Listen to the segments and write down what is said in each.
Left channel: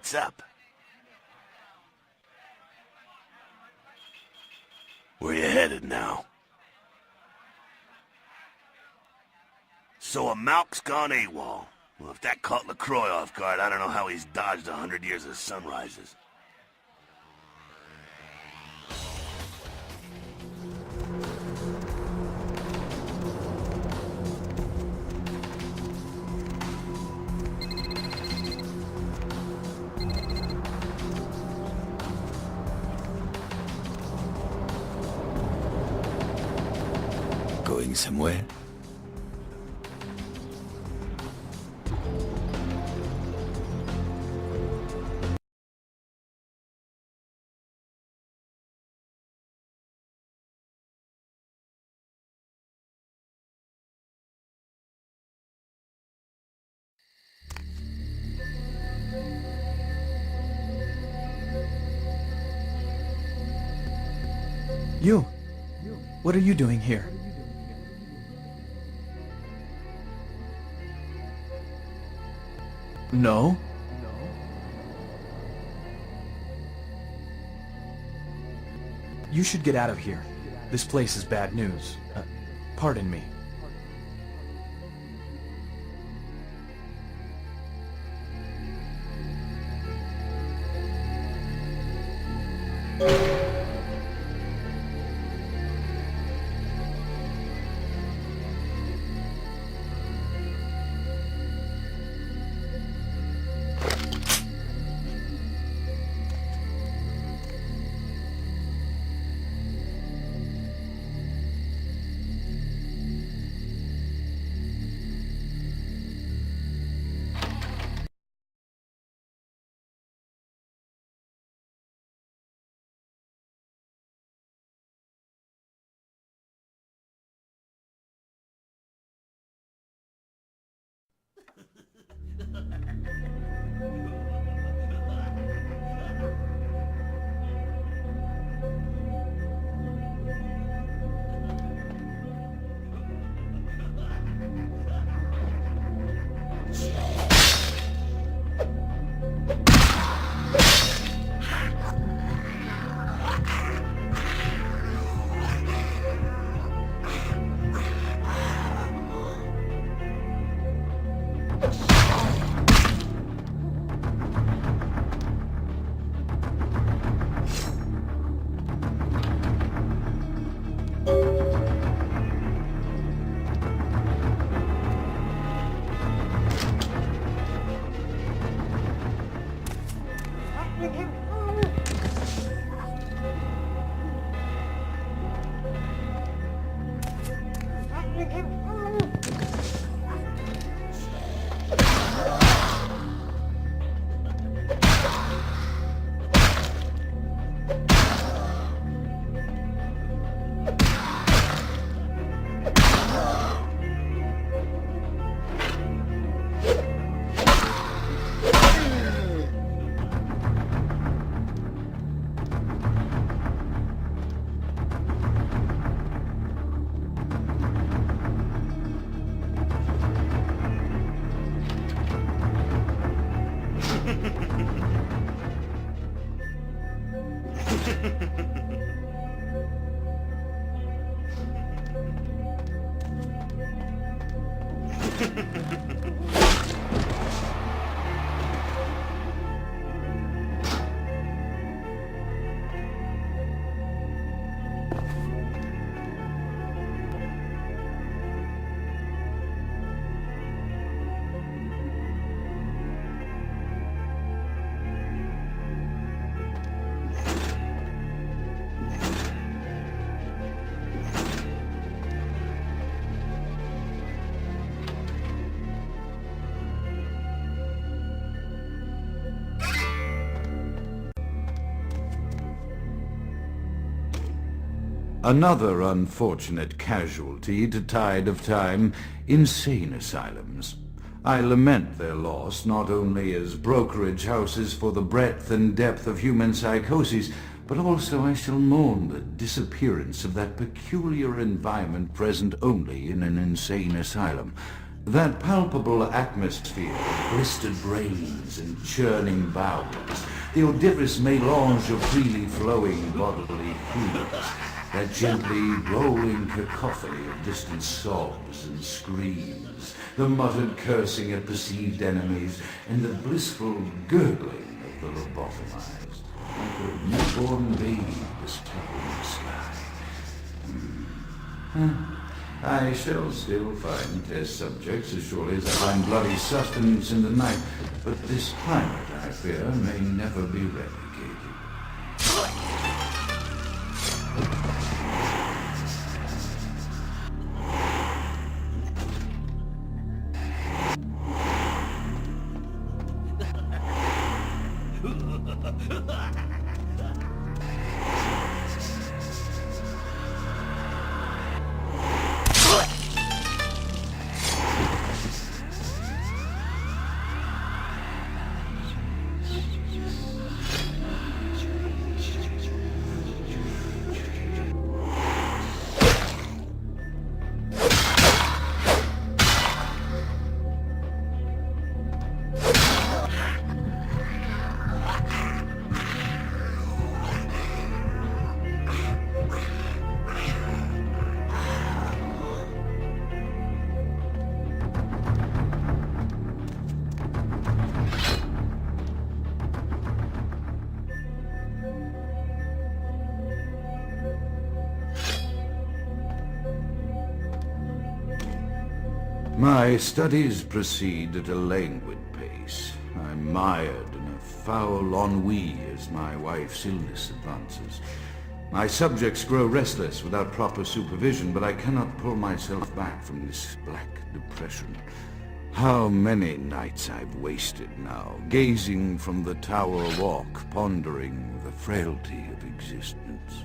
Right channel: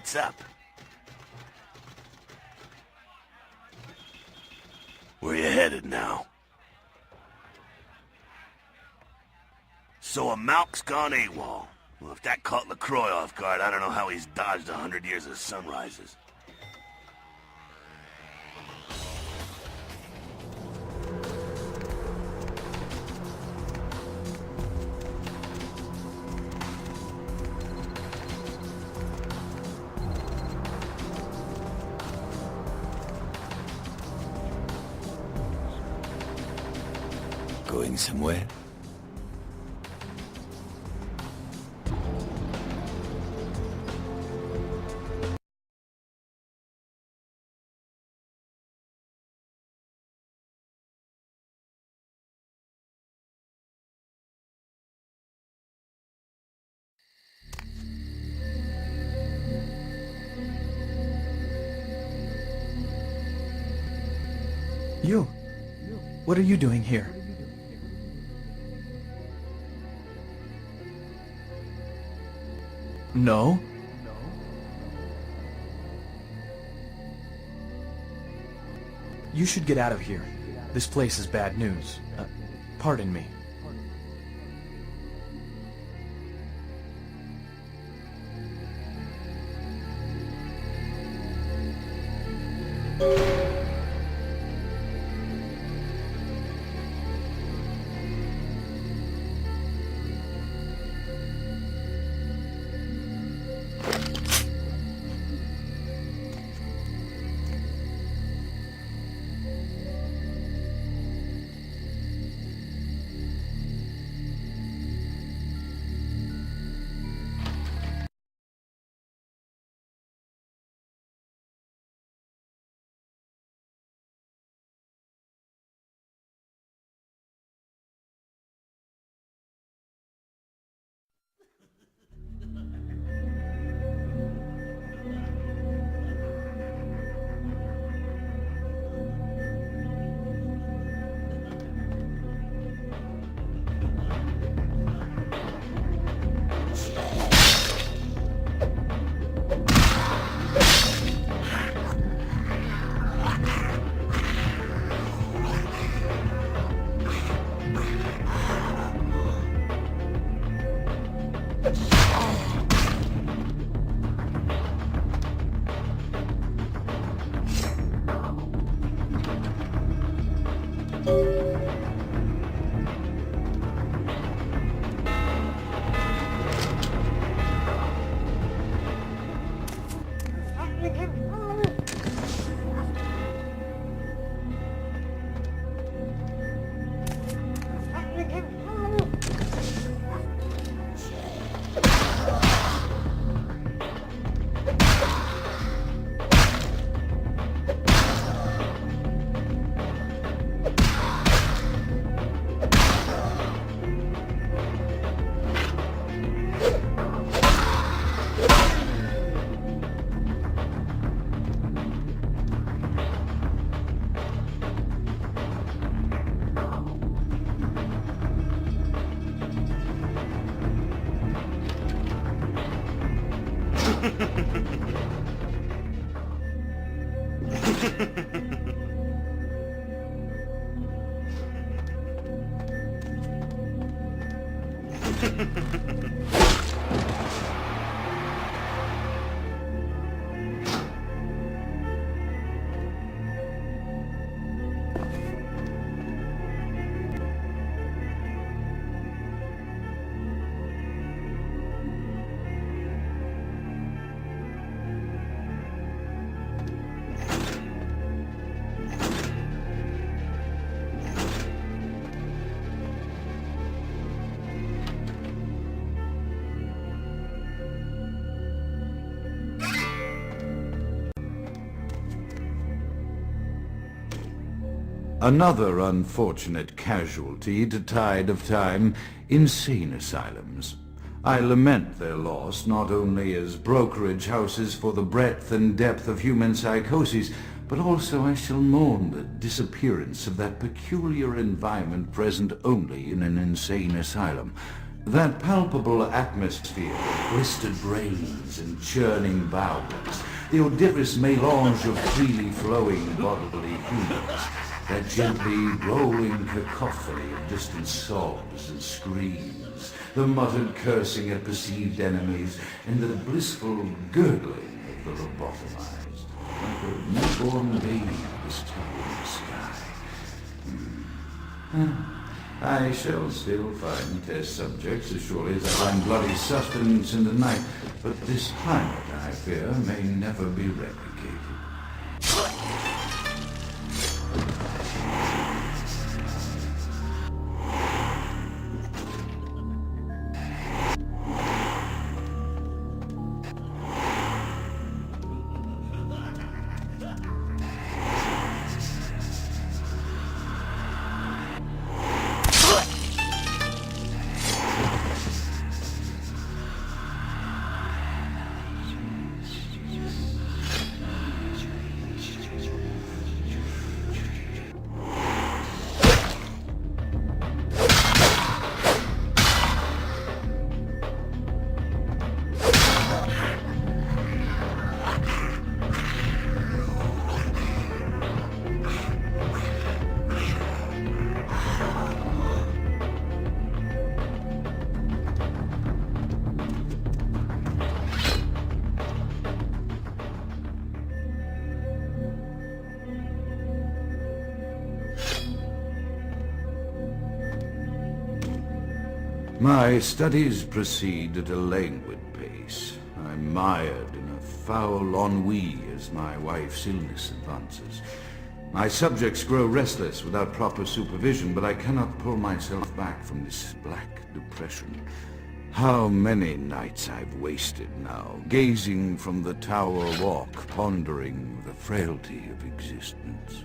What's up? Where you headed now? So a Malk's gone AWOL. Well, if that caught LaCroix off guard, I don't know how he's dodged 100 years of sunrises. Going somewhere? You! What are you doing here? No? You should get out of here. This place is bad news. Pardon me. Another unfortunate casualty to tide of time, insane asylums. I lament their loss not only as brokerage houses for the breadth and depth of human psychoses, but also I shall mourn the disappearance of that peculiar environment present only in an insane asylum. That palpable atmosphere of blistered brains and churning bowels, the odorous melange of freely flowing bodily fluids, that gently rolling cacophony of distant sobs and screams, the muttered cursing at perceived enemies, and the blissful gurgling of the lobotomized. The newborn baby was I shall still find test subjects as surely as I find bloody sustenance in the night, but this planet, I fear, may never be replicated. My studies proceed at a languid pace. I'm mired in a foul ennui as my wife's illness advances. My subjects grow restless without proper supervision, but I cannot pull myself back from this black depression. How many nights I've wasted now, gazing from the tower walk, pondering the frailty of existence.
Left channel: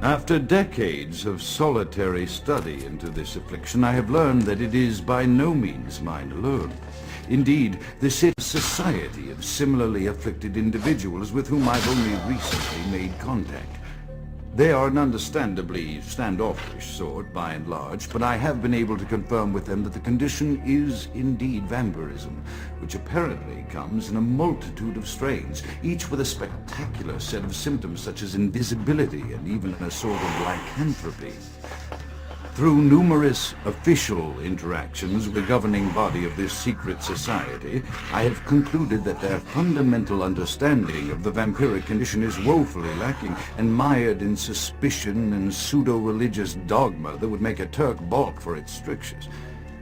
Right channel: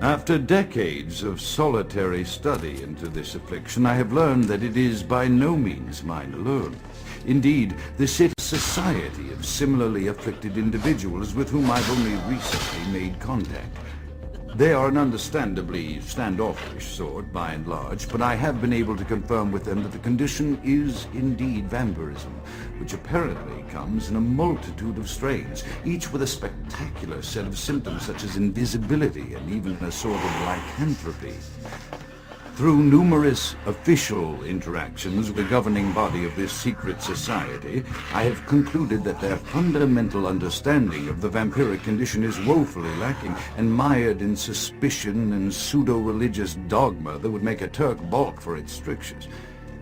After decades of solitary study into this affliction, I have learned that it is by no means mine alone. Indeed, this is a society of similarly afflicted individuals with whom I've only recently made contact. They are an understandably standoffish sort, by and large, but I have been able to confirm with them that the condition is indeed vampirism, which apparently comes in a multitude of strains, each with a spectacular set of symptoms such as invisibility and even a sort of lycanthropy. Through numerous official interactions with the governing body of this secret society, I have concluded that their fundamental understanding of the vampiric condition is woefully lacking and mired in suspicion and pseudo-religious dogma that would make a Turk balk for its strictures.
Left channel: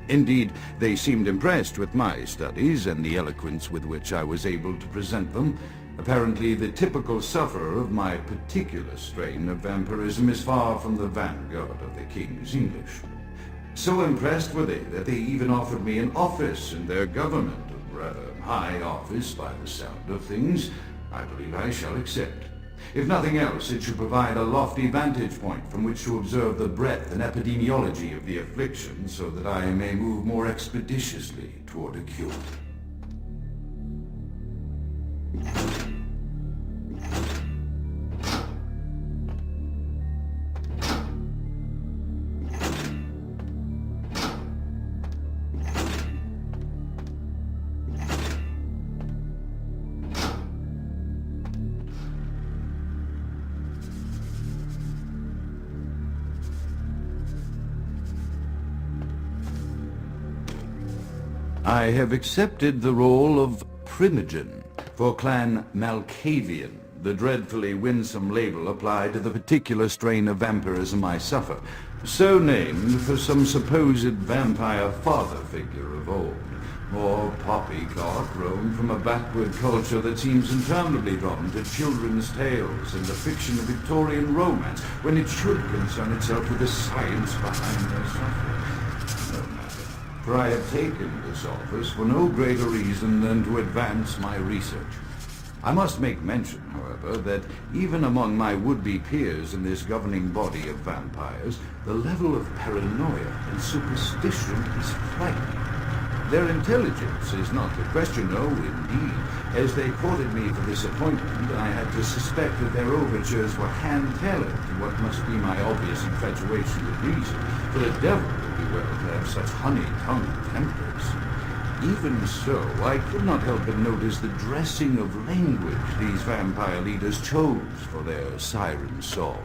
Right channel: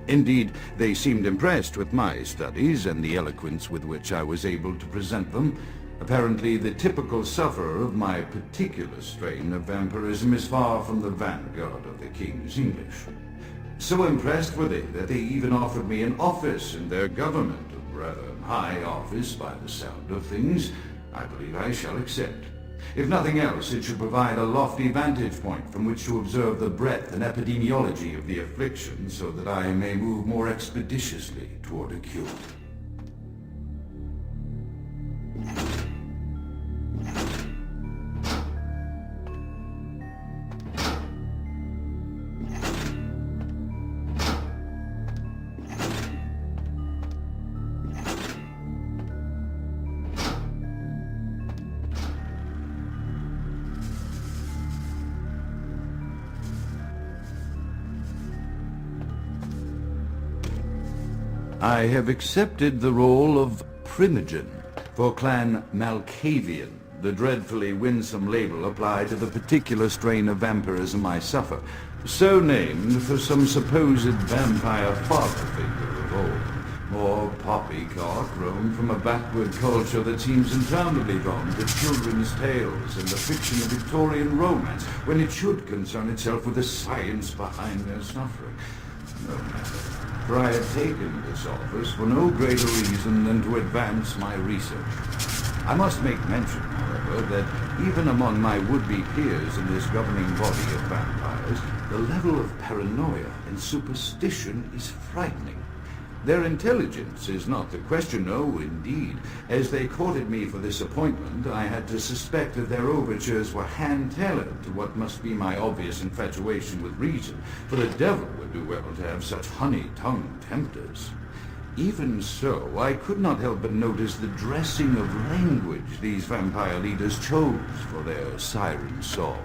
Indeed, they seemed impressed with my studies and the eloquence with which I was able to present them. Apparently, the typical sufferer of my particular strain of vampirism is far from the vanguard of the King's English. So impressed were they that they even offered me an office in their government, a rather high office by the sound of things. I believe I shall accept. If nothing else, it should provide a lofty vantage point from which to observe the breadth and epidemiology of the affliction, so that I may move more expeditiously toward a cure. I have accepted the role of Primogen for Clan Malkavian, the dreadfully winsome label applied to the particular strain of vampirism I suffer, so named for some supposed vampire father figure of old. Or poppycock grown from a backward culture that seems infallibly drawn to children's tales and the fiction of Victorian romance, when it should concern itself with the science behind their suffering. No matter, for I have taken this office for no greater reason than to advance my research. I must make mention, however, that even among my would-be peers in this governing body of vampires, the level of paranoia and superstition is frightening. Their intelligence is not the question, no, indeed. As they courted me for this appointment, I had to suspect that their overtures were hand-tailored to what must be my obvious infatuation with reason, for the devil would be well to have such honey-tongued tempers. Even so, I could not help but notice the dressing of language these vampire leaders chose for their siren song.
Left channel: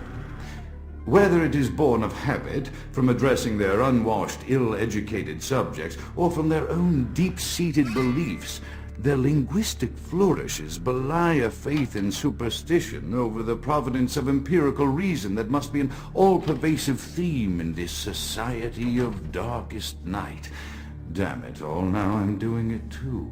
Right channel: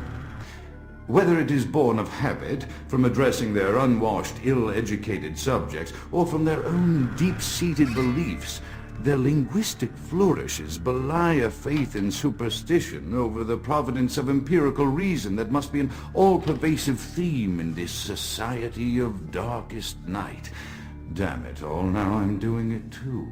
Whether it is born of habit, from addressing their unwashed, ill-educated subjects, or from their own deep-seated beliefs, their linguistic flourishes belie a faith in superstition over the providence of empirical reason that must be an all-pervasive theme in this society of darkest night. Damn it all, now I'm doing it too.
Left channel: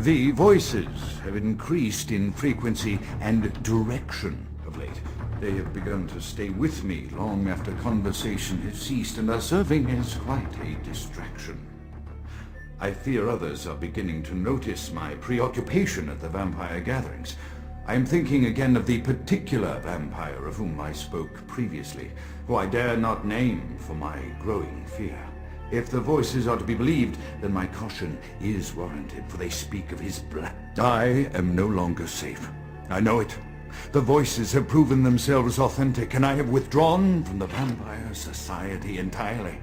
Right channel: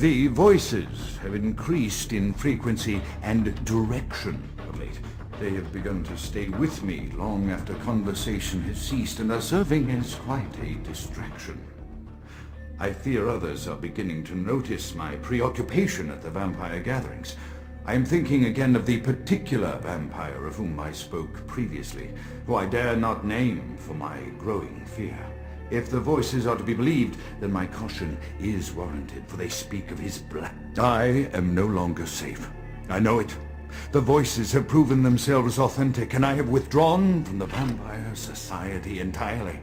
The voices have increased in frequency and direction of late. They have begun to stay with me long after conversation has ceased, and are serving as quite a distraction. I fear others are beginning to notice my preoccupation at the vampire gatherings. I am thinking again of the particular vampire of whom I spoke previously, who I dare not name for my growing fear. If the voices are to be believed, then my caution is warranted, for they speak of his blood. I am no longer safe. I know it. The voices have proven themselves authentic, and I have withdrawn from the Vampire Society entirely.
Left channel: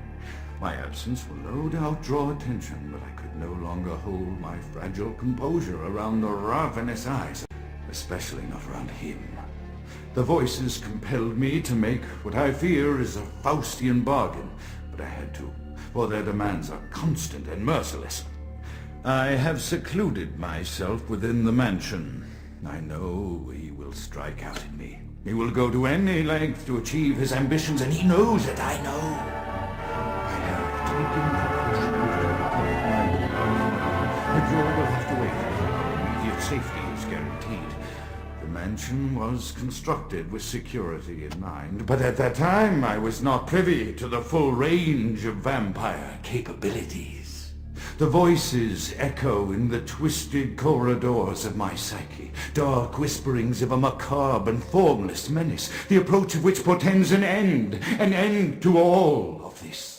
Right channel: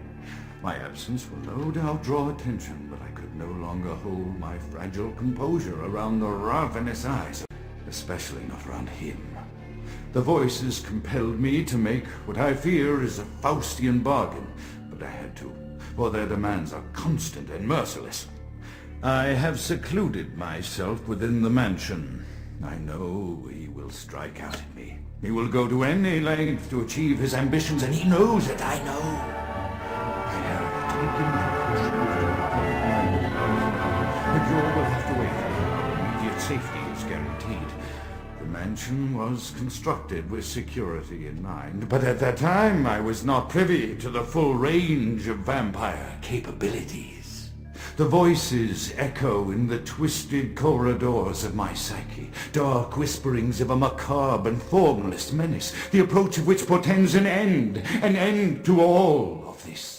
My absence will no doubt draw attention, but I could no longer hold my fragile composure around the ravenous eyes, especially not around him. The voices compelled me to make what I fear is a Faustian bargain, but I had to, for their demands are constant and merciless. I have secluded myself within the mansion. I know he will strike out at me. He will go to any length to achieve his ambitions, and he knows it, I know. I have taken my and you will have to wait. Our immediate safety is guaranteed. The mansion was constructed with security in mind, but at that time I was not privy to the full range of vampire capabilities. The voices echo in the twisted corridors of my psyche, dark whisperings of a macabre and formless menace, the approach of which portends an end to all of this.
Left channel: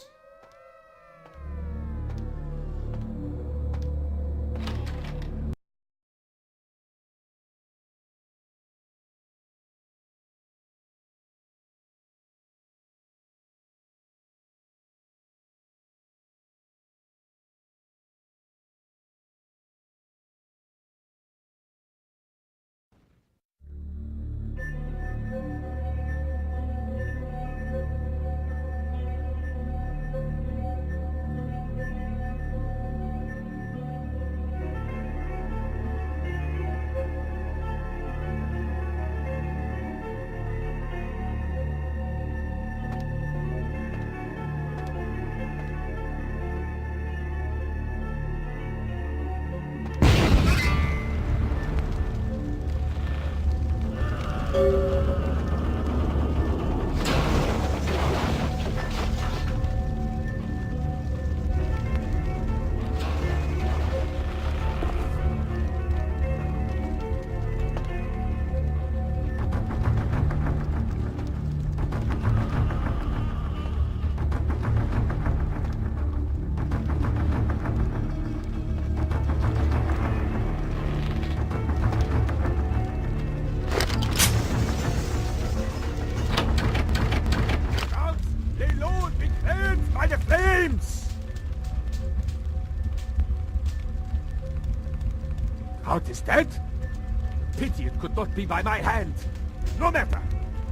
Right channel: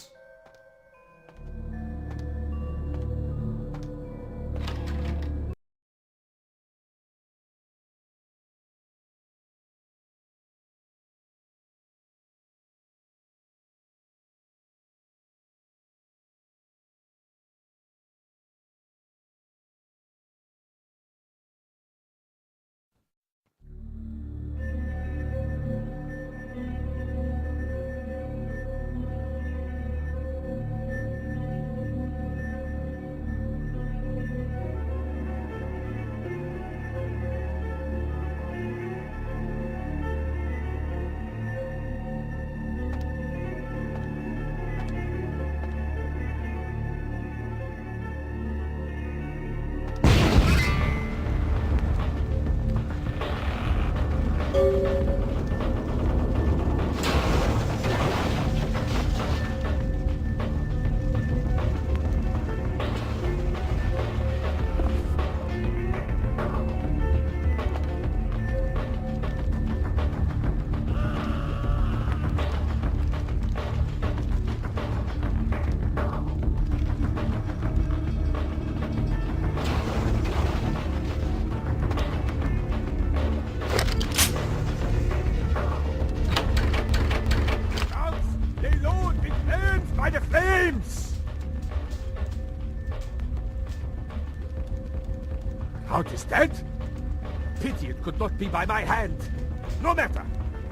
Count is dead? Pity it could not be by my hand. No matter.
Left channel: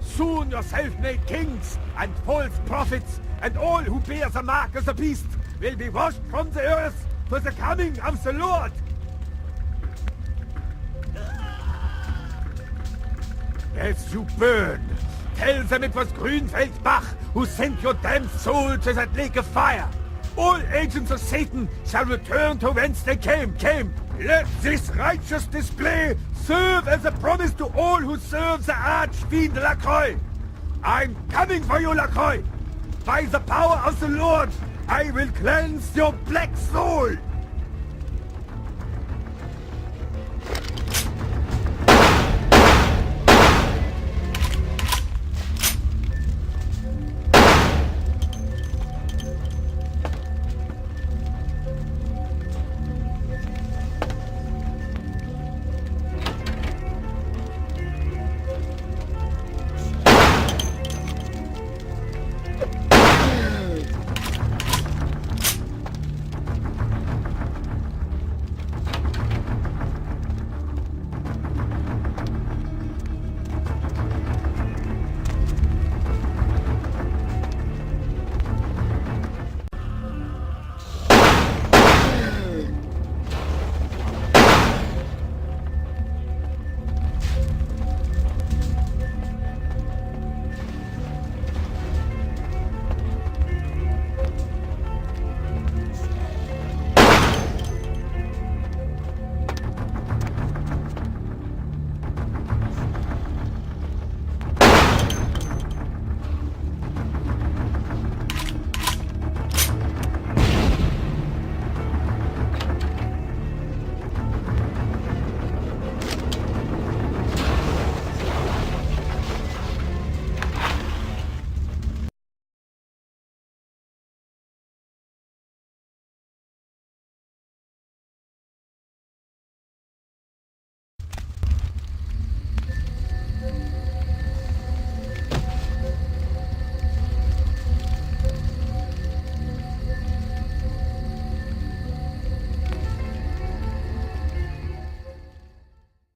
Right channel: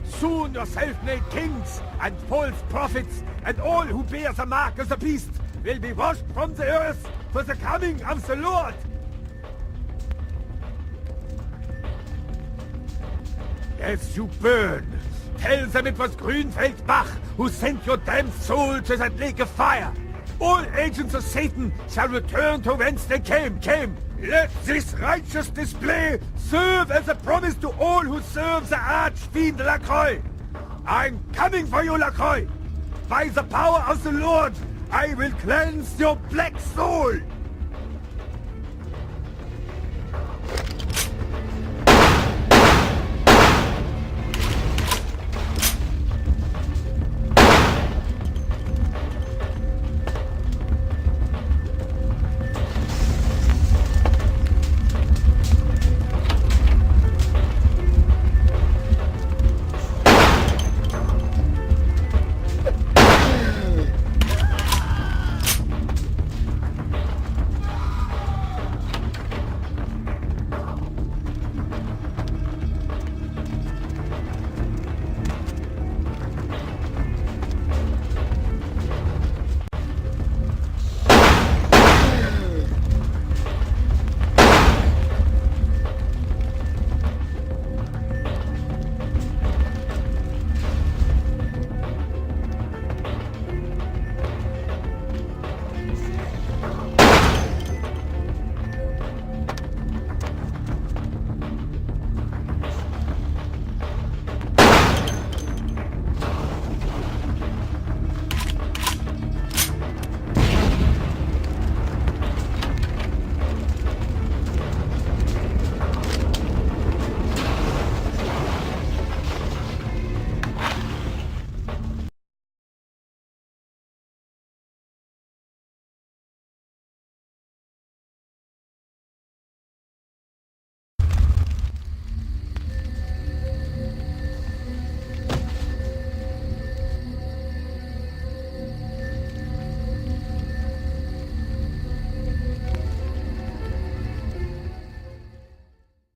Soon your self-made kings and false prophets and all who bear the mark of the beast will be washed from the earth for the coming of the Lord. As you burn, tell them it was Grünfeld Bach who sent your damned soul to that lake of fire. All agents of Satan shall return to whence they came. Let this righteous display serve as a promise to all who serve the Archfiend Lacroix. I'm coming for you, Lacroix. By the power of the Lord, I will cleanse your black soul.